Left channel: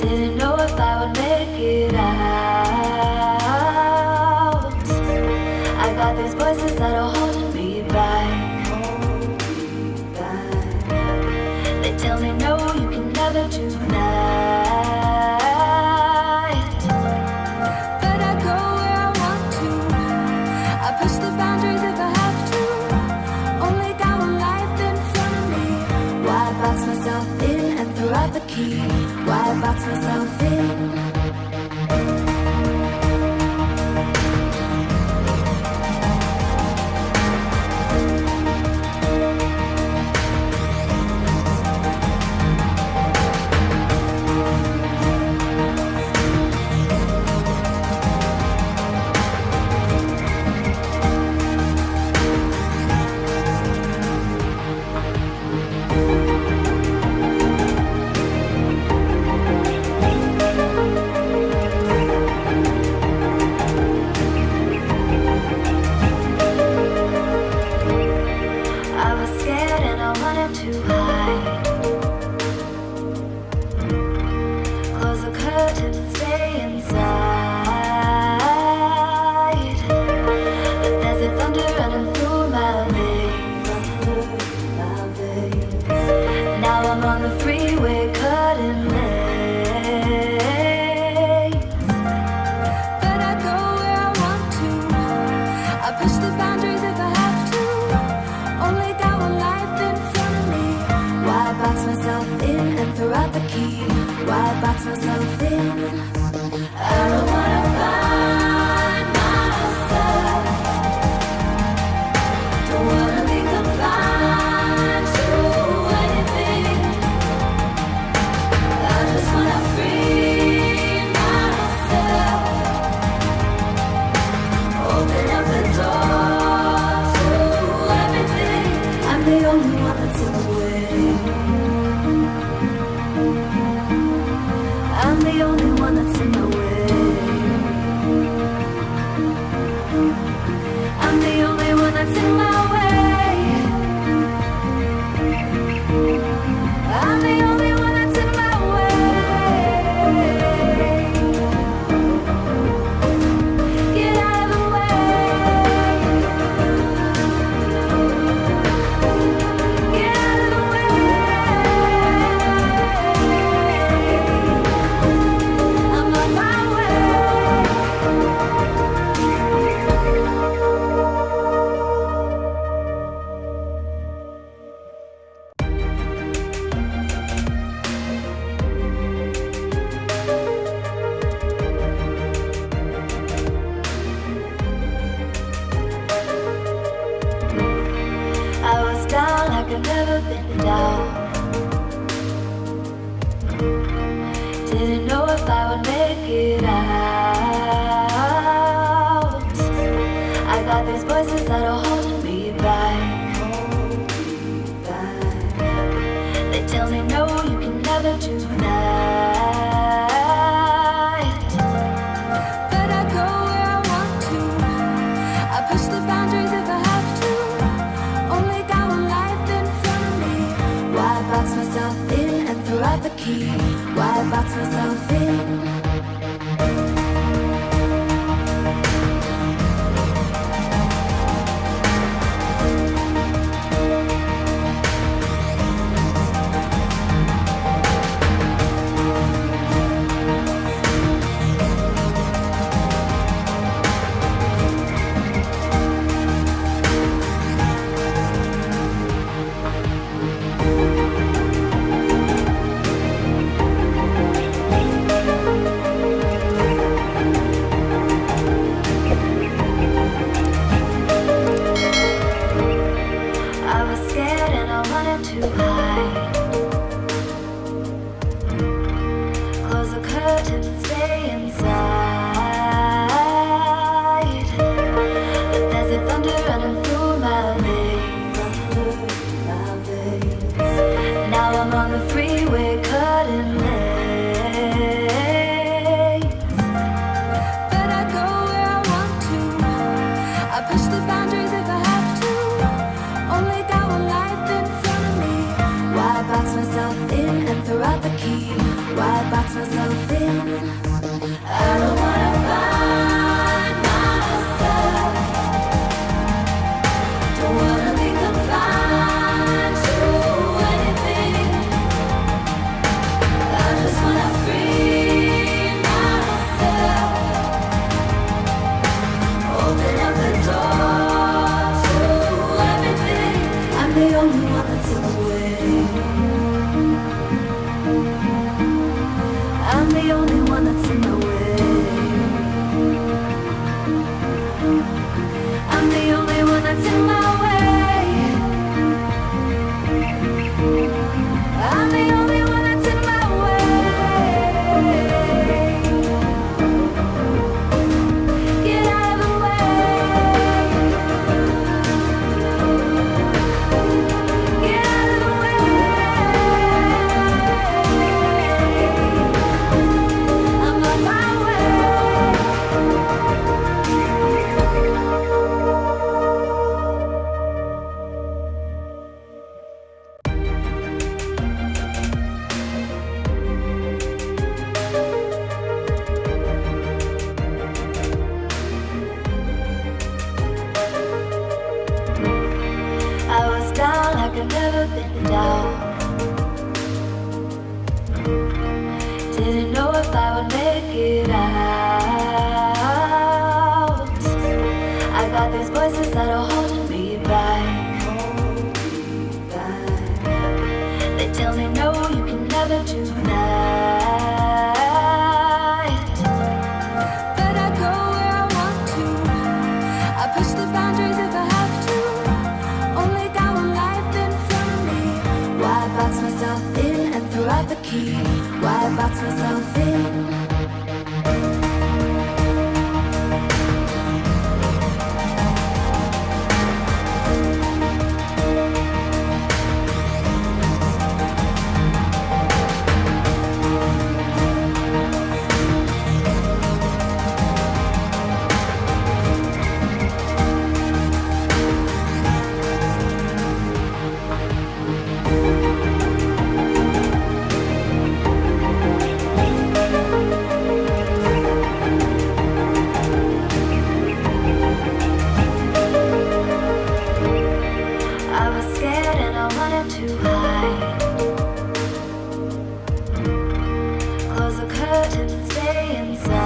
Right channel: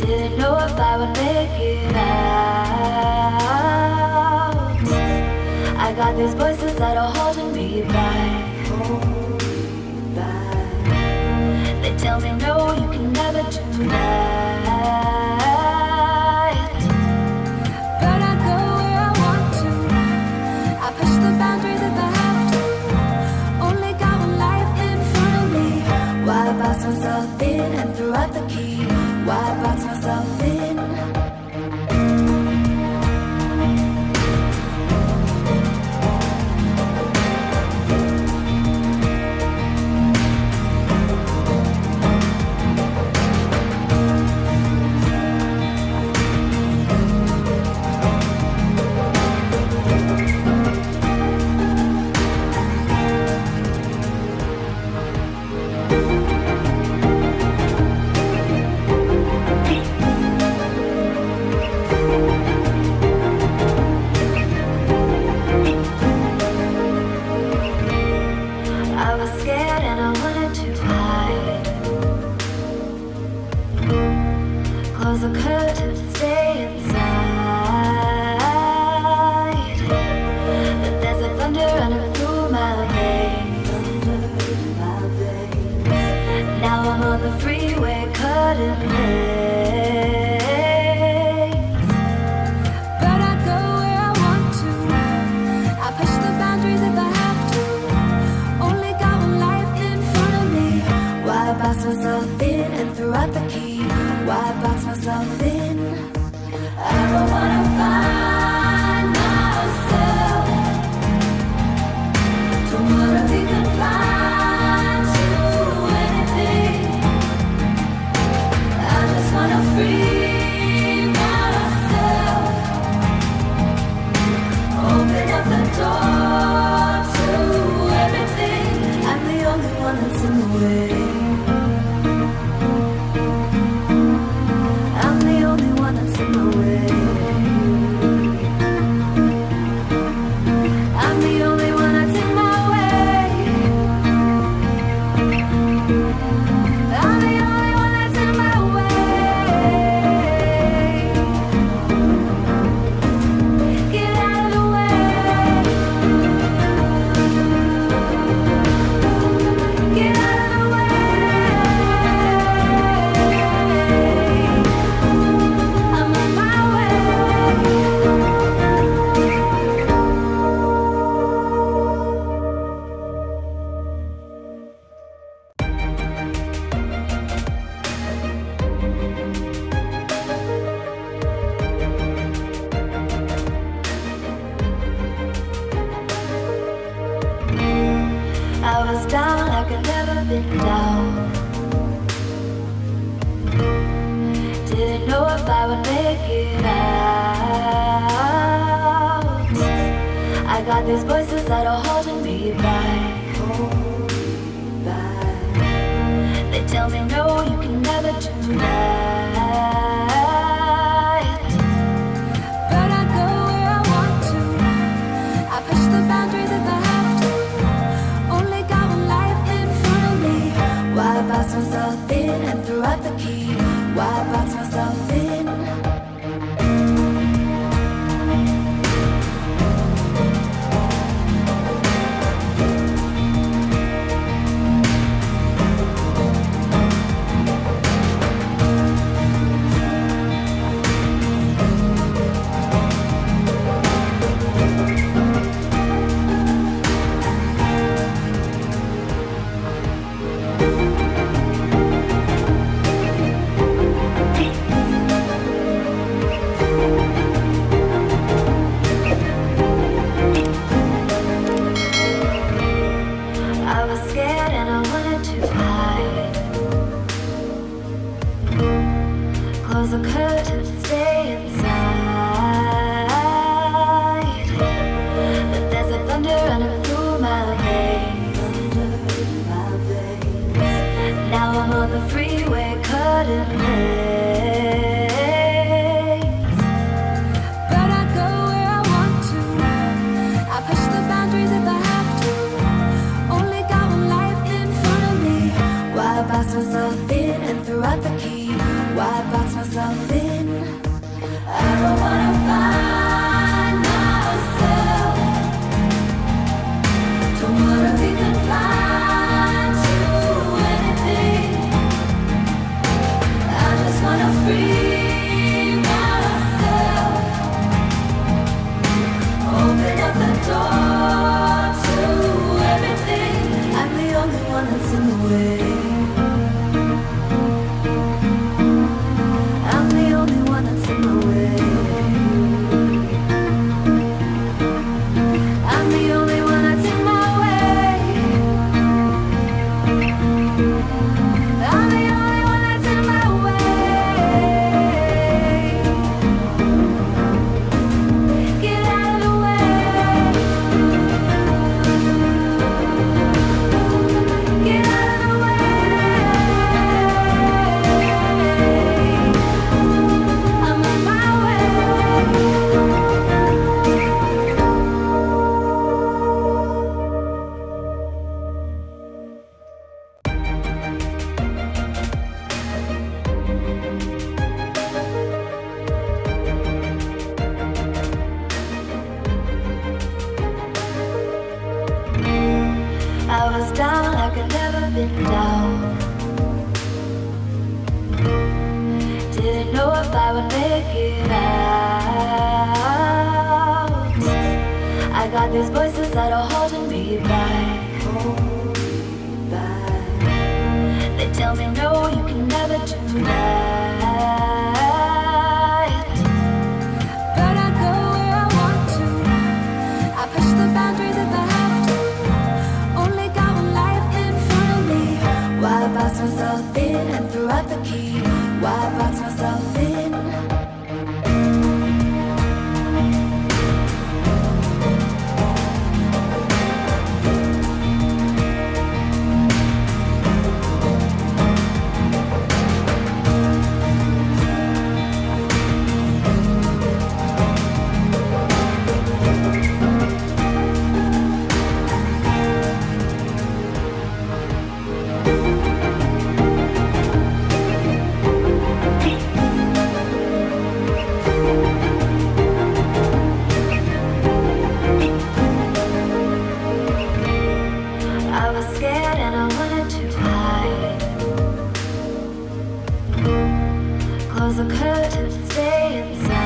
Didn't know if I would make it out. I got these voices that are holding me back. They tell me no, you can never do that. But I go where I want to. I push the boundaries if I have to. Only got one life in front of me. Why box myself in and throw out the key? Why box myself in? Box myself in and throw out the key. Why box myself Didn't know if I would make it out. I got these voices that are holding me back. They tell me no, you can never do that. But I go where I want to. I push the boundaries if I have to. Only got one life in front of me. Why box myself in and throw out the key? Why box myself in? I was scared and I wanted to hide. Close the curtains and stay inside.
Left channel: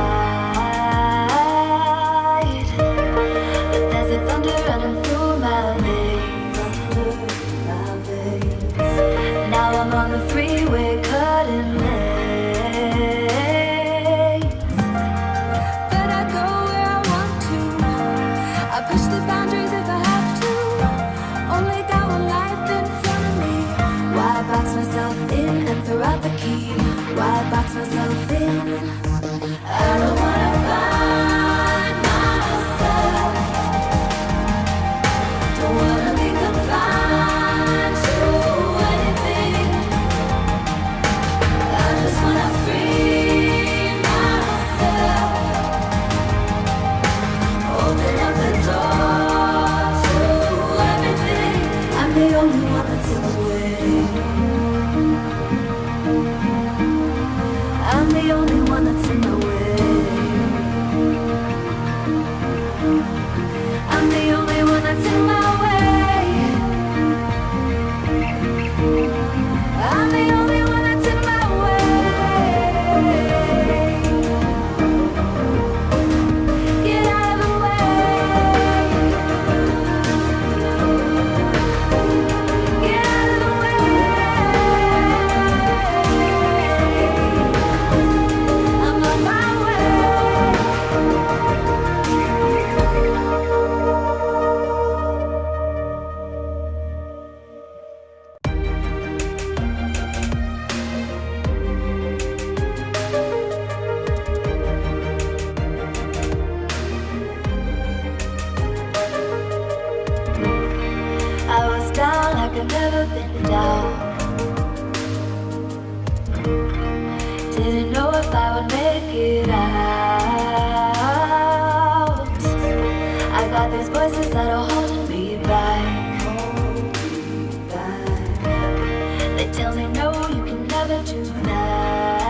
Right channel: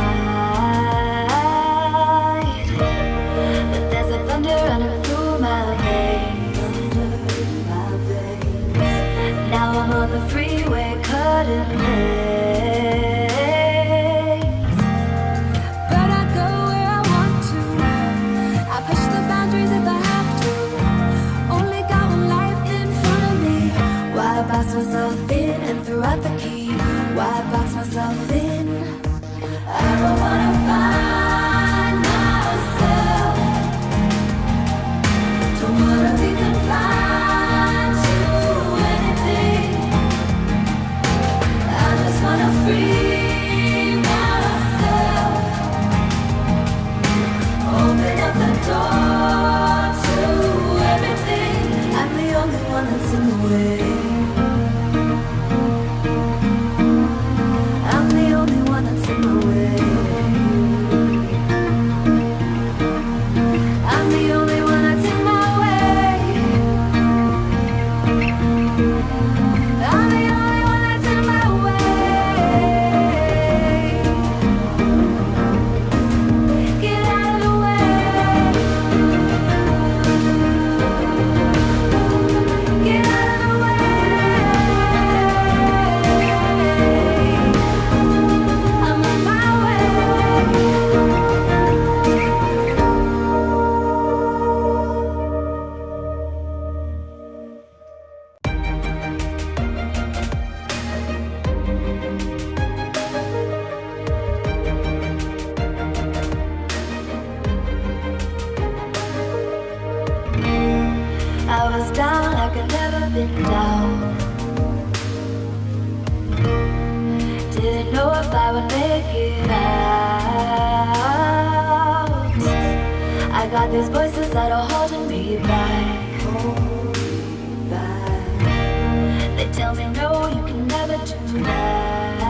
But there's a thunder running through my veins. Now I'm on the freeway cutting lanes. But I go where I want to. I push the boundaries if I have to. Only got one life in front of me. Why box myself in and throw out the key? Why box myself in? I don't wanna find myself. Don't wanna be confined to anything. I just wanna free myself. Open up the door to everything. I'm the only one that's in the way. I'm the only one that's in the way. I'm the only one that's in my way. I'm the only one that's in my way. Get out of the way. Get out of the way. I'm on my way. I was down like I'd never been down. Didn't know if I would make it out. I got these voices that are holding me back. They tell me no, you can never do that.